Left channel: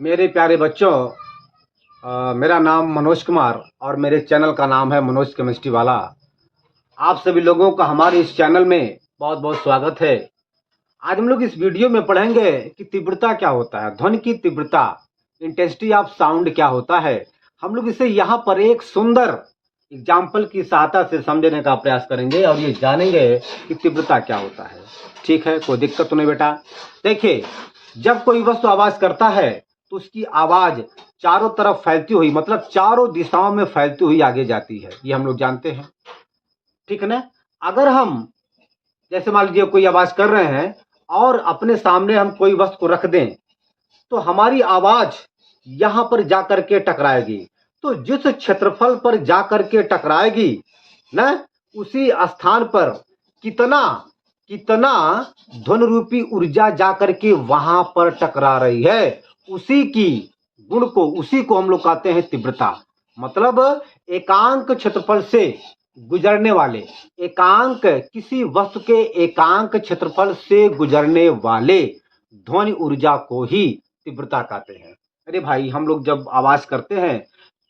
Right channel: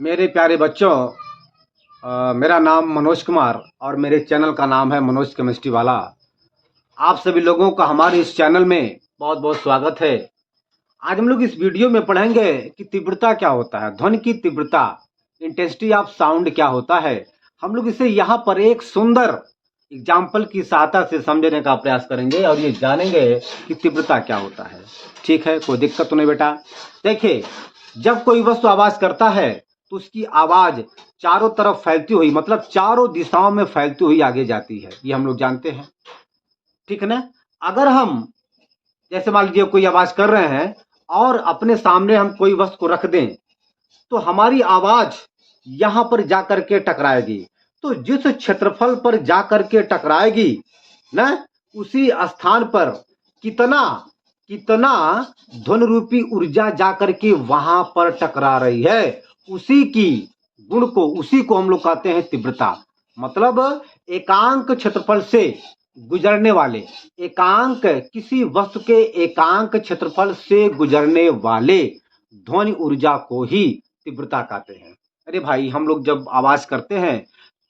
मेरे प्यारे बच्चों, मेरा नाम मनोज कुमार और मेरे चैनल का नाम है मनोज केमिस्ट्री वाला। आप सभी लोगों का हमारे इस चैनल में बहुत बहुत स्वागत है। आज हम लोग इस वीडियो में पढ़ेंगे कि तीव्रता क्या होता है, ध्वनि की तीव्रता, इंटेंसिटी ऑफ साउंड क्या होता है। हम लोग इसे यहाँ पर एक सुंदर एग्जाम्पल की सहायता से समझने का प्रयास करेंगे और ये जानेंगे कि तीव्रता क्या होता है। ठीक है, कोई दिक्कत तो नहीं बेटा। देखिए, जब कोई वस्तु आवाज करता है तो उसकी आवाज चारों तरफ फैलती हुई, मतलब चारों दिशाओं में फैलती हुई आगे जाती है, ये हम लोग जानते हैं। ठीक है ना। अगर हम जैसे मान लीजिए कोई आवाज कर रहे हैं और अपने सामने हम कोई वस्तु को रख दें तो हमारी आवाज यहां पर जाकर के टकराएगी। तो जिस क्षेत्रफल पर जाकर के टकराएगी ना, उसी स्थान पर कितना कितना ध्वनि रूपी ऊर्जा जाकर के वहां पर टकरा रही है, उसी की गुण को, उसी को हम लोग कहते हैं तीव्रता। मतलब एकांक क्षेत्रफल से गुजरने वाले, एकांक किसी वस्तु के एकांक क्षेत्रफल से गुजरने वाले ध्वनि ऊर्जा को ही तीव्रता कहते हैं। अरे भाई, हम लोग जब आवाज करते हैं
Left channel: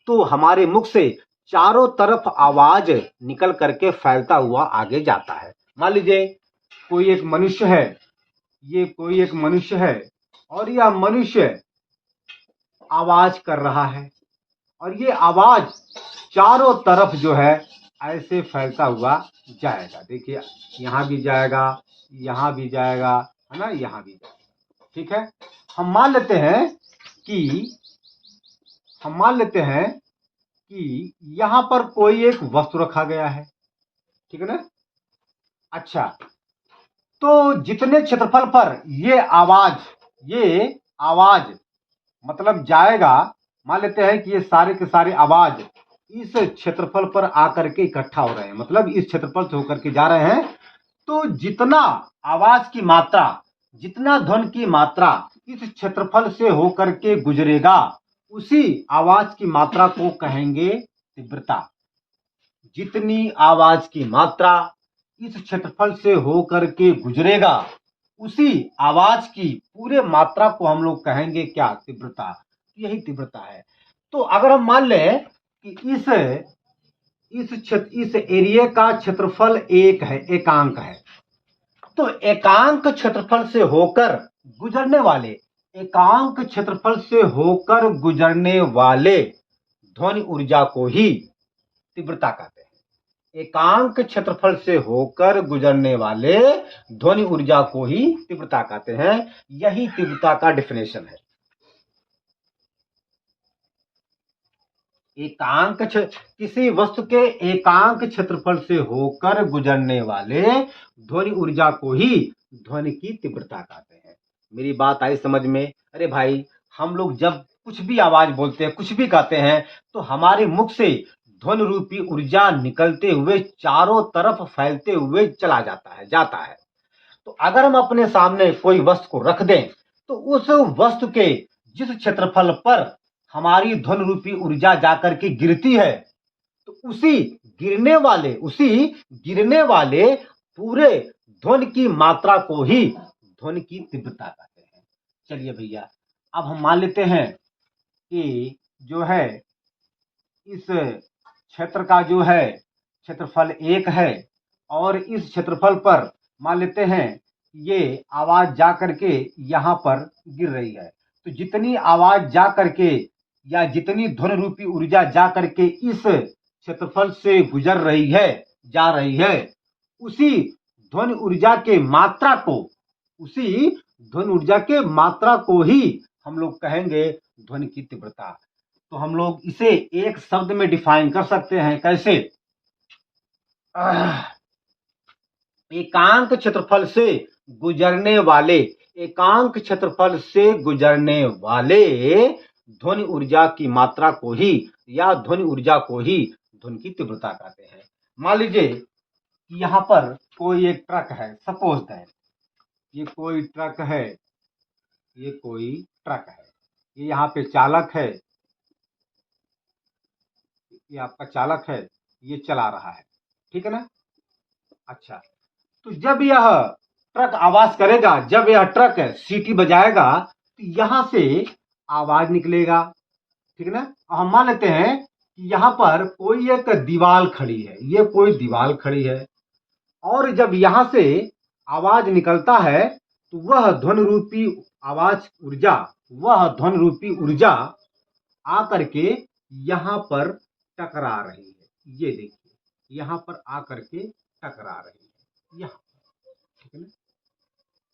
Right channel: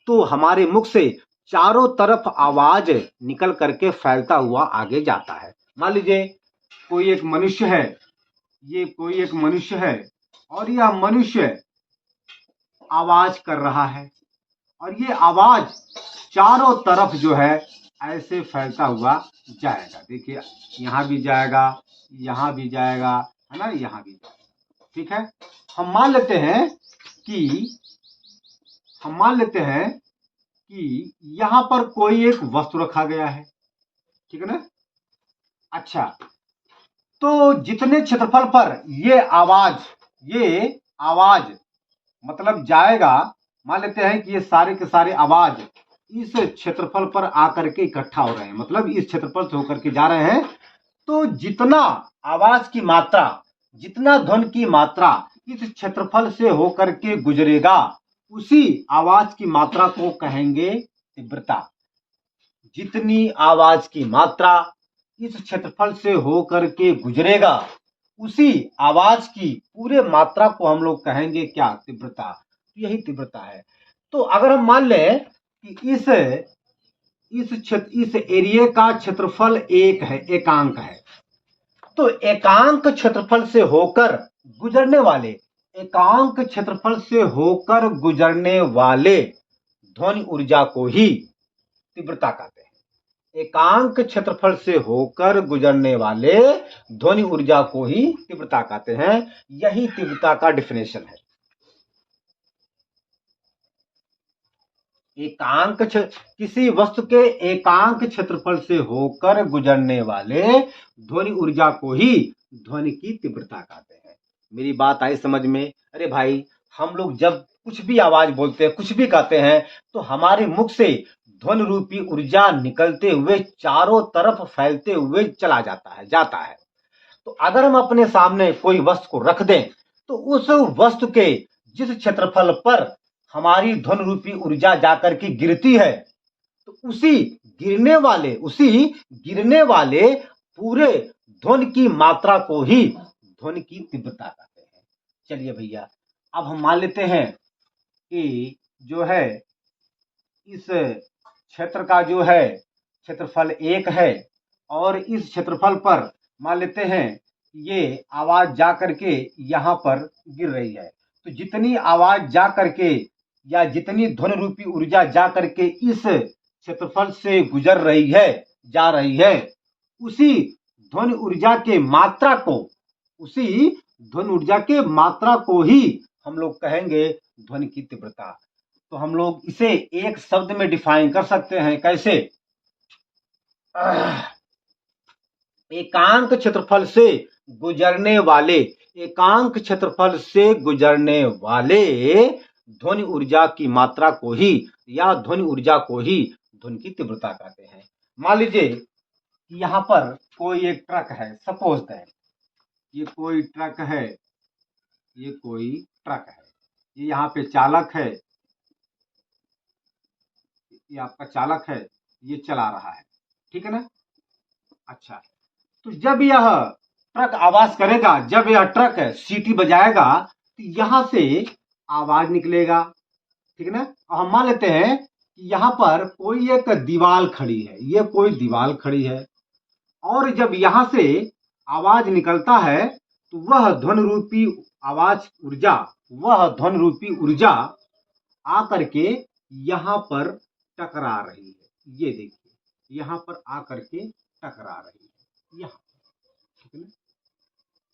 तो हमारे मुख से चारों तरफ आवाज निकल करके फैलता हुआ आगे जाता है। मान लीजिए कोई एक मनुष्य है, ये कोई एक मनुष्य है और यह मनुष्य आवाज कर रहा है और ये आवाज चारों तरफ जो है ऐसे फैलता हुआ जाएगा। देखिए, यहां भी जाएगा, यहां भी जाएगा, है ना, यहां भी जाएगा। ठीक है। हम मान लेते हैं कि हम मान लेते हैं कि यहां पर कोई एक वस्तु रखा गया है। ठीक है ना। अच्छा, तो जितने क्षेत्रफल पर ये आवाज मतलब जाएगा, मान लेते हैं कि ये सारे के सारे आवाज इस क्षेत्रफल पर आकर के इकट्ठा हो रहे हैं, मतलब इस क्षेत्रफल से होकर के जा रहे हैं। तो जितना आवाज की मात्रा, जितना ध्वनि की मात्रा इस क्षेत्रफल से होकर के गुजरेगा, उसी आवाज की मात्रा को कहेंगे तीव्रता। जितनी आवाज की मात्रा इस क्षेत्रफल से होकर के गुजरेगा, उसी आवाज की पूरे मात्रा को हम लोग कहेंगे क्या, तीव्रता। यही तीव्रता है। तो अगर हम मान लें कि इस एरिया का क्षेत्रफल एक है, एकांक है, तो एकांक क्षेत्रफल से होकर गुजरने वाले, एकांक क्षेत्रफल से होकर गुजरने वाले ध्वनि ऊर्जा को ही तीव्रता कहते हैं। एकांक क्षेत्रफल से होकर गुजरने वाले ध्वनि ऊर्जा को ही तीव्रता कहते हैं। यही तीव्रता का डिफिनेशन है। किसी वस्तु के एकांक क्षेत्रफल से होकर गुजरने वाले ध्वनि ऊर्जा को ही ध्वनि की तीव्रता कहते हैं। मेरी बात आई समझ में? अरे भाई, हम लोग जब कुछ भी आवाज बोलते हैं, कुछ भी कहते हैं, तो हमारे मुख से ध्वनि रूपी ऊर्जा निकलते हुए चारों तरफ फैलते हुए चला जाता है। तो अगर हम अपने सामने कोई वस्तु को रख दें तो उस वस्तु के जिस क्षेत्रफल पर हमारी ध्वनि रूपी ऊर्जा जाकर के गिरती है, तो उसी गिरने वाले पूरे ध्वनि की मात्रा को ही ध्वनि की तीव्रता कहते हैं। चलिए भैया, अब हम मान लेते हैं कि जो है इस क्षेत्र का जो है क्षेत्रफल एक है और इस क्षेत्रफल पर मान लेते हैं ये आवाज जा करके यहां पर गिर रही है। तो जितनी आवाज जा करके या जितनी ध्वनि रूपी ऊर्जा जा करके इस क्षेत्रफल से गुजर रही है, जा रही है, उसी ध्वनि ऊर्जा के मात्रा को उसी ध्वनि ऊर्जा के मात्रा को ही हम लोग कहेंगे ध्वनि की तीव्रता। तो हम लोग इसे एक शब्द में डिफाइन कर सकते हैं। कैसे? एकांक क्षेत्रफल से गुजरने वाले एकांक क्षेत्रफल से गुजरने वाले ध्वनि ऊर्जा की मात्रा को ही या ध्वनि ऊर्जा को ही ध्वनि की तीव्रता कहते हैं। मान लीजिए कि यहाँ पर कोई एक ट्रक है, सपोज दैट ये कोई ट्रक है, ये कोई ट्रक है, ये यहाँ पे चालक है, ये आपका चालक है, ये चला रहा है। ठीक है ना। अच्छा, तो जब यह ट्रक आवाज करेगा, जब यह ट्रक सीटी बजाएगा, तो यहां से आवाज निकलेगा, ठीक है ना। और हम मान लेते हैं कि यहाँ पर कोई एक दीवार खड़ी है, ये कोई दीवार खड़ी है, और जब यहाँ से आवाज निकलता है तो वह ध्वनि रूपी आवाज ऊर्जा, वह ध्वनि रूपी ऊर्जा आकर के यहाँ पर टकरा रही है। ये देखिए यहाँ पर आकर के टकरा रही है, यहाँ, ठीक है ना,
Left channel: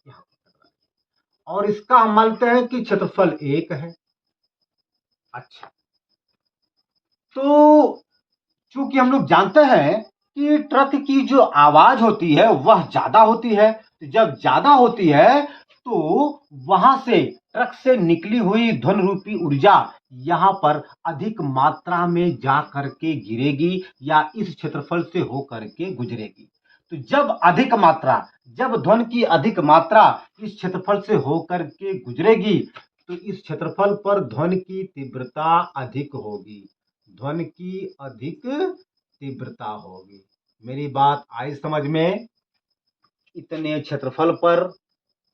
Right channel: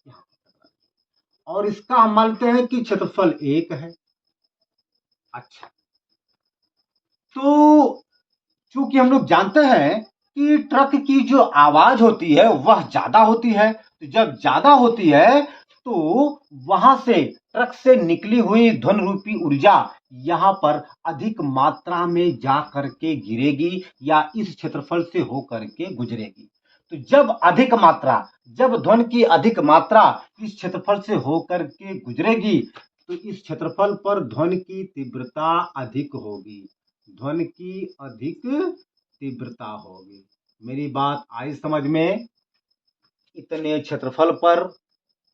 यहाँ पर टकरा रही है। और इसका हम मानते हैं कि क्षेत्रफल 1 है। अच्छा, तो चूंकि हम लोग जानते हैं कि ट्रक की जो आवाज होती है वह ज्यादा होती है, तो जब ज्यादा होती है तो वहां से ट्रक से निकली हुई ध्वनि रूपी ऊर्जा यहाँ पर अधिक मात्रा में जा करके गिरेगी या इस क्षेत्रफल से होकर के गुजरेगी। तो जब अधिक मात्रा, जब ध्वनि की अधिक मात्रा इस क्षेत्रफल से होकर के गुजरेगी तो इस क्षेत्रफल पर ध्वनि की तीव्रता अधिक होगी, ध्वनि की अधिक तीव्रता होगी। मेरी बात आई समझ में। इतने क्षेत्रफल पर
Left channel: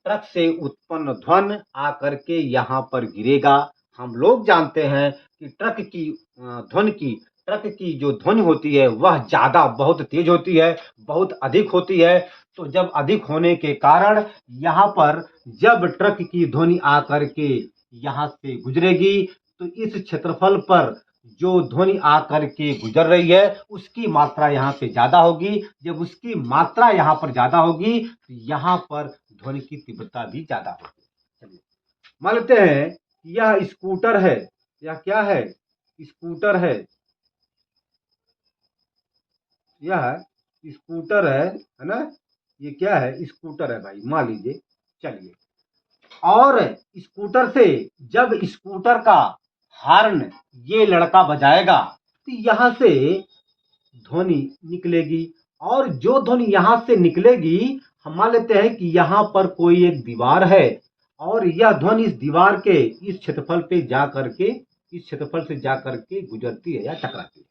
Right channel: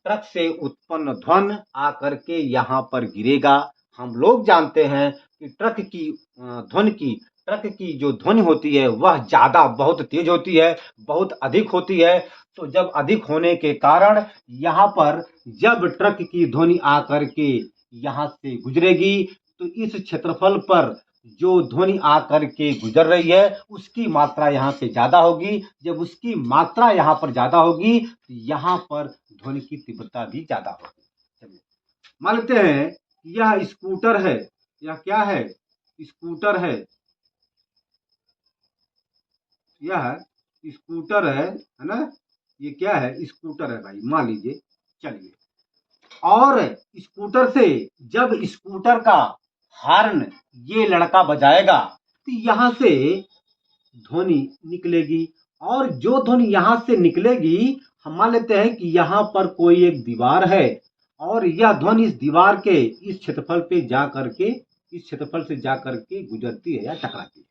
ट्रक से उत्पन्न ध्वनि आकर के यहाँ पर गिरेगा। हम लोग जानते हैं कि ट्रक की ध्वनि की, ट्रक की जो ध्वनि होती है वह ज्यादा, बहुत तेज होती है, बहुत अधिक होती है। तो जब अधिक होने के कारण यहाँ पर जब ट्रक की ध्वनि आकर के यहाँ से गुजरेगी तो इस क्षेत्रफल पर जो ध्वनि आकर के गुजर रही है उसकी मात्रा यहाँ पे ज्यादा होगी। जब उसकी मात्रा यहाँ पर ज्यादा होगी तो यहाँ पर ध्वनि की तीव्रता भी ज्यादा होगी। चलिए मान लेते हैं यह स्कूटर है, यह क्या है, स्कूटर है, यह स्कूटर है ना, ये क्या है, स्कूटर है भाई, मान लीजिए। चलिए, और स्कूटर से जब स्कूटर का हॉर्न ये लड़का बजाएगा तो यहाँ से ध्वनि निकलेगी, और जो ध्वनि यहाँ से निकलेगी हम मान लेते हैं कि यहाँ पर कोई एक दीवार है और यह ध्वनि इस दीवार के इस क्षेत्रफल पे जा करके, इस क्षेत्रफल से जा करके गुजरती है या टकराती है।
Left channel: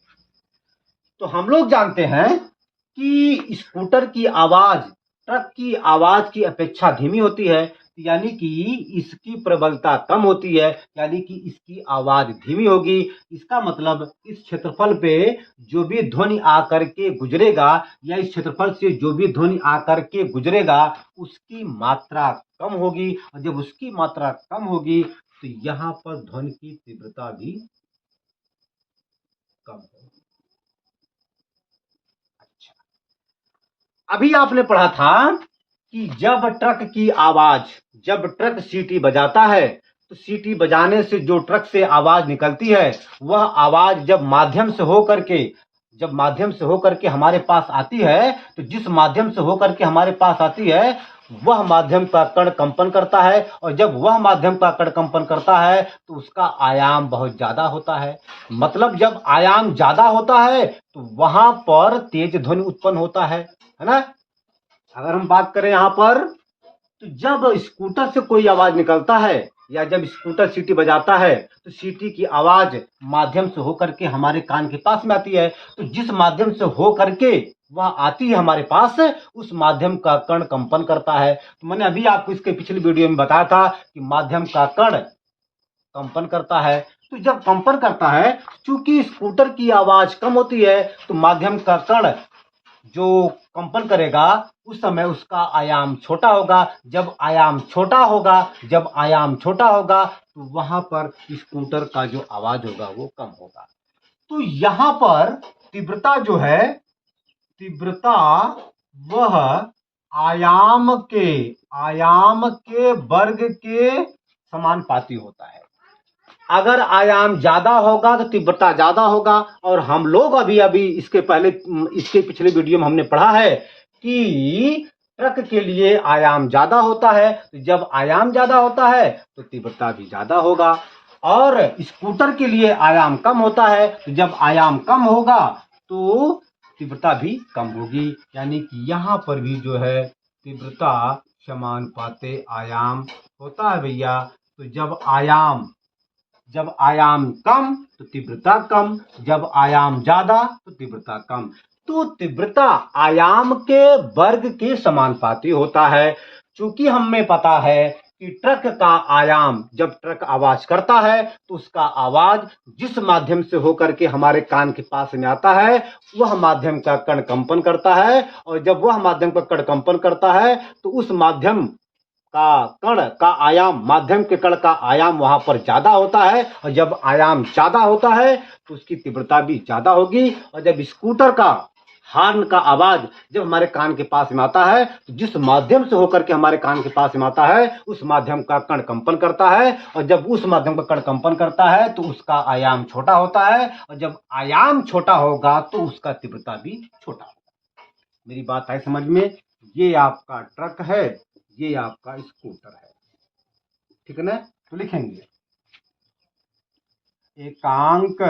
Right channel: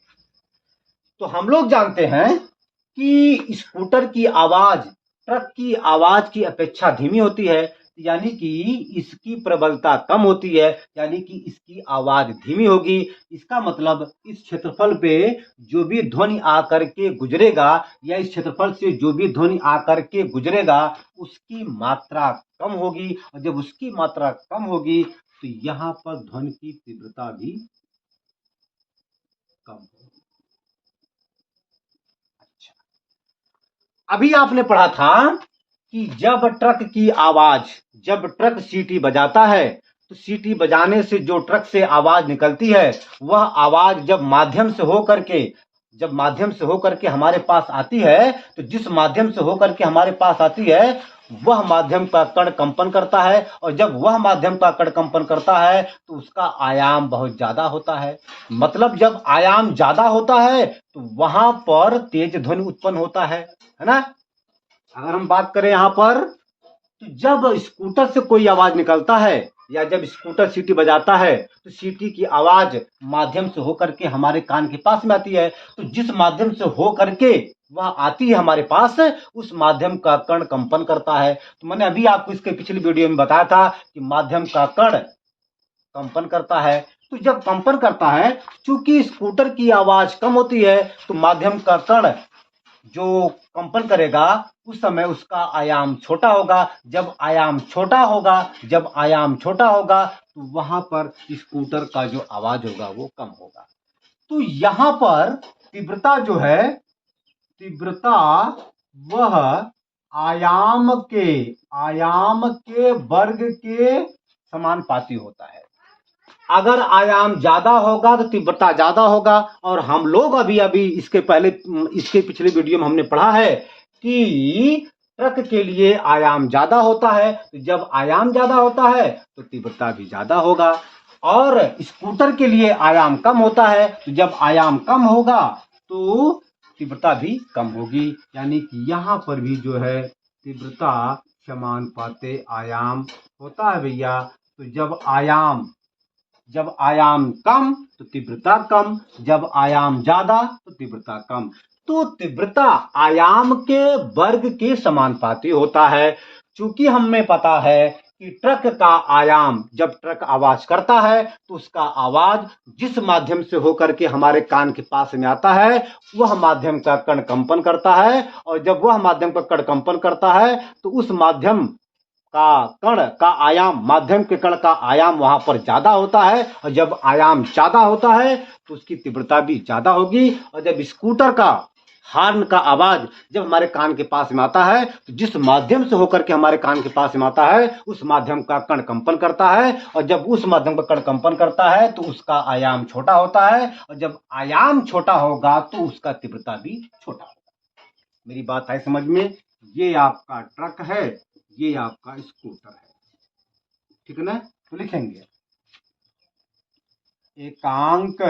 तो हम लोग जानते हैं कि स्कूटर की आवाज ट्रक की आवाज की अपेक्षा धीमी होती है, यानी कि इसकी प्रबलता कम होती है, यानी कि इसकी आवाज धीमी होगी। इसका मतलब इस क्षेत्रफल पे जो भी ध्वनि आकर के गुजरेगा या इस क्षेत्रफल से जो भी ध्वनि आकर के गुजरेगा उसकी मात्रा कम होगी, और जब उसकी मात्रा कम होगी तो यहाँ पर ध्वनि की तीव्रता भी कम होगी। अच्छा, अभी आपने पढ़ा था कि जब ट्रक की आवाज, जब ट्रक सीटी बजाता है तो सीटी बजाने से जो ट्रक से आवाज निकलती है वह आवाज जब माध्यम से होकर के, जब माध्यम से होकर के हमारे पास आती है तो जिस माध्यम से होकर के हमारे पास आती है वह माध्यम का कण कंपन करता है, और जब वह माध्यम का कण कंपन करता है तो उसका आयाम बहुत ज्यादा होता है। मतलब जब आयाम ज्यादा होता है तो वहां पर तेज ध्वनि उत्पन्न होता है ना। अगर हम बात करें यहाँ पर तो जब स्कूटर से कोई आवाज निकलता है या जब स्कूटर सीटी बजाता है तो सीटी की आवाज माध्यम से होकर के हमारे कान के पास में आती है, तो जिस माध्यम से होकर के वह आती है हमारे पास उस माध्यम का कण कंपन करता है। तो मैंने अभी आपको इसके पिछली वीडियो में बताया था कि माध्यम का कण कंपन करता है। तो जब कंपन करता है, चूंकि स्कूटर की आवाज कम होती है तो माध्यम का कण जो कंपन करेगा उस समय उसका आयाम छोटा होगा। जब आयाम छोटा होगा, जब आयाम छोटा होगा तो वहां पर स्कूटर का जो आवाज होगा वो कम होगा। तो यहां पर तीव्रता जो है, तीव्रता वह आयाम के वर्ग के समानुपाती होता है। अगर आयाम ज्यादा होगा तो तीव्रता ज्यादा होगा, और हम लोग अभी अभी इसके पहले, इसके पिछले वीडियो में हमने पढ़ा है कि ट्रक के लिए आयाम ज्यादा होता है, तो जब आयाम ज्यादा होता है तो तीव्रता भी ज्यादा होगा, और स्कूटर के लिए आयाम कम होता है, तो जब आयाम कम होगा तो तीव्रता भी कम होगी। यानी कि यहाँ पर भी जो है तीव्रता समानुपाते आयाम होता है भैया। तो जब आयाम कम तो तीव्रता कम, जब आयाम ज्यादा तो तीव्रता कम। तो तीव्रता आयाम के वर्ग के समानुपाती होता है। चूंकि हमें पता है कि ट्रक का आयाम, जब ट्रक आवाज करता है तो उसका आवाज जिस माध्यम से होकर के हमारे कान के पास में आता है वह माध्यम का कण कंपन करता है, और जब वह माध्यम का कण कंपन करता है तो उस माध्यम का कण का आयाम, माध्यम के कण का आयाम वहां पर ज्यादा होता है, और जब आयाम ज्यादा होता है तो उसकी तीव्रता भी ज्यादा होगी। और जब स्कूटर का हॉर्न का आवाज जब हमारे कान के पास में आता है तो जिस माध्यम से होकर के हमारे कान के पास में आता है उस माध्यम का कण कंपन करता है, और जब उस माध्यम का कण कंपन करता है तो उसका आयाम छोटा होता है, और जब आयाम छोटा होगा तो उसका तीव्रता भी छोटा होगा। मेरी बात है समझ में? ये आपका ट्रक है, ये आपका स्कूटर है, ठीक है ना? तो लिखेंगे एकांक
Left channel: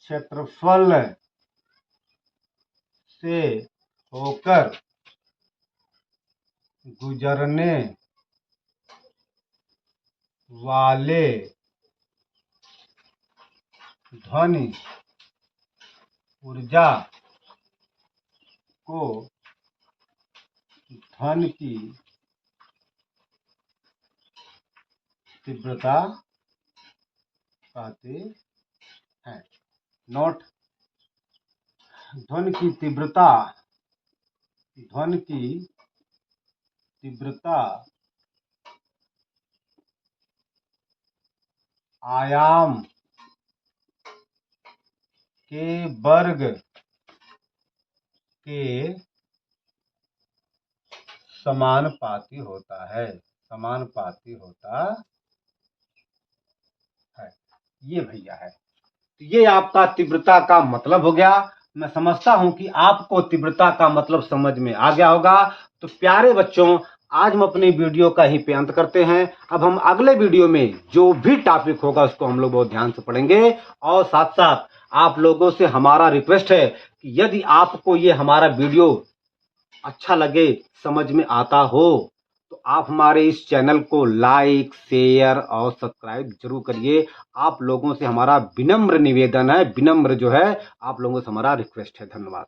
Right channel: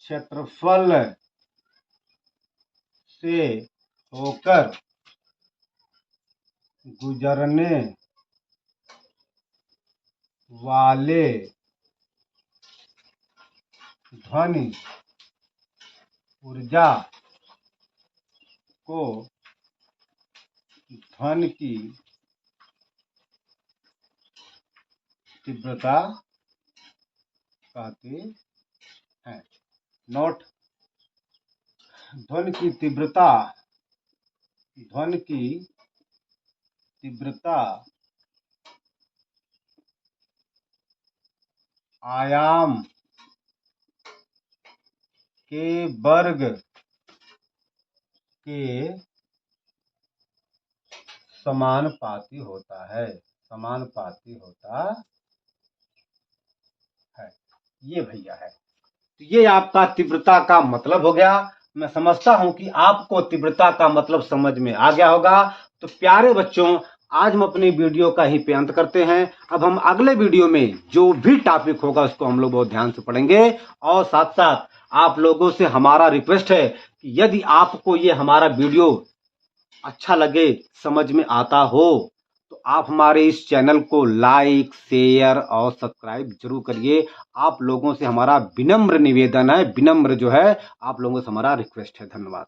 क्षेत्रफल से होकर गुजरने वाले ध्वनि ऊर्जा को ध्वनि की तीव्रता कहते हैं। नोट, ध्वनि की तीव्रता, ध्वनि की तीव्रता आयाम के वर्ग के समानुपाती होता है, समानुपाती होता है। ये भैया है, तो ये आपका तीव्रता का मतलब हो गया। मैं समझता हूं कि आपको तीव्रता का मतलब समझ में आ गया होगा। तो प्यारे बच्चों, आज हम अपनी वीडियो का ही पे अंत करते हैं। अब हम अगले वीडियो में जो भी टॉपिक होगा उसको हम लोग बहुत ध्यान से पढ़ेंगे, और साथ साथ आप लोगों से हमारा रिक्वेस्ट है कि यदि आपको ये हमारा वीडियो अच्छा लगे, समझ में आता हो, तो आप हमारे इस चैनल को लाइक, शेयर और सब्सक्राइब जरूर करिए। आप लोगों से हमारा विनम्र निवेदन है, विनम्र जो है आप लोगों से हमारा रिक्वेस्ट है। धन्यवाद।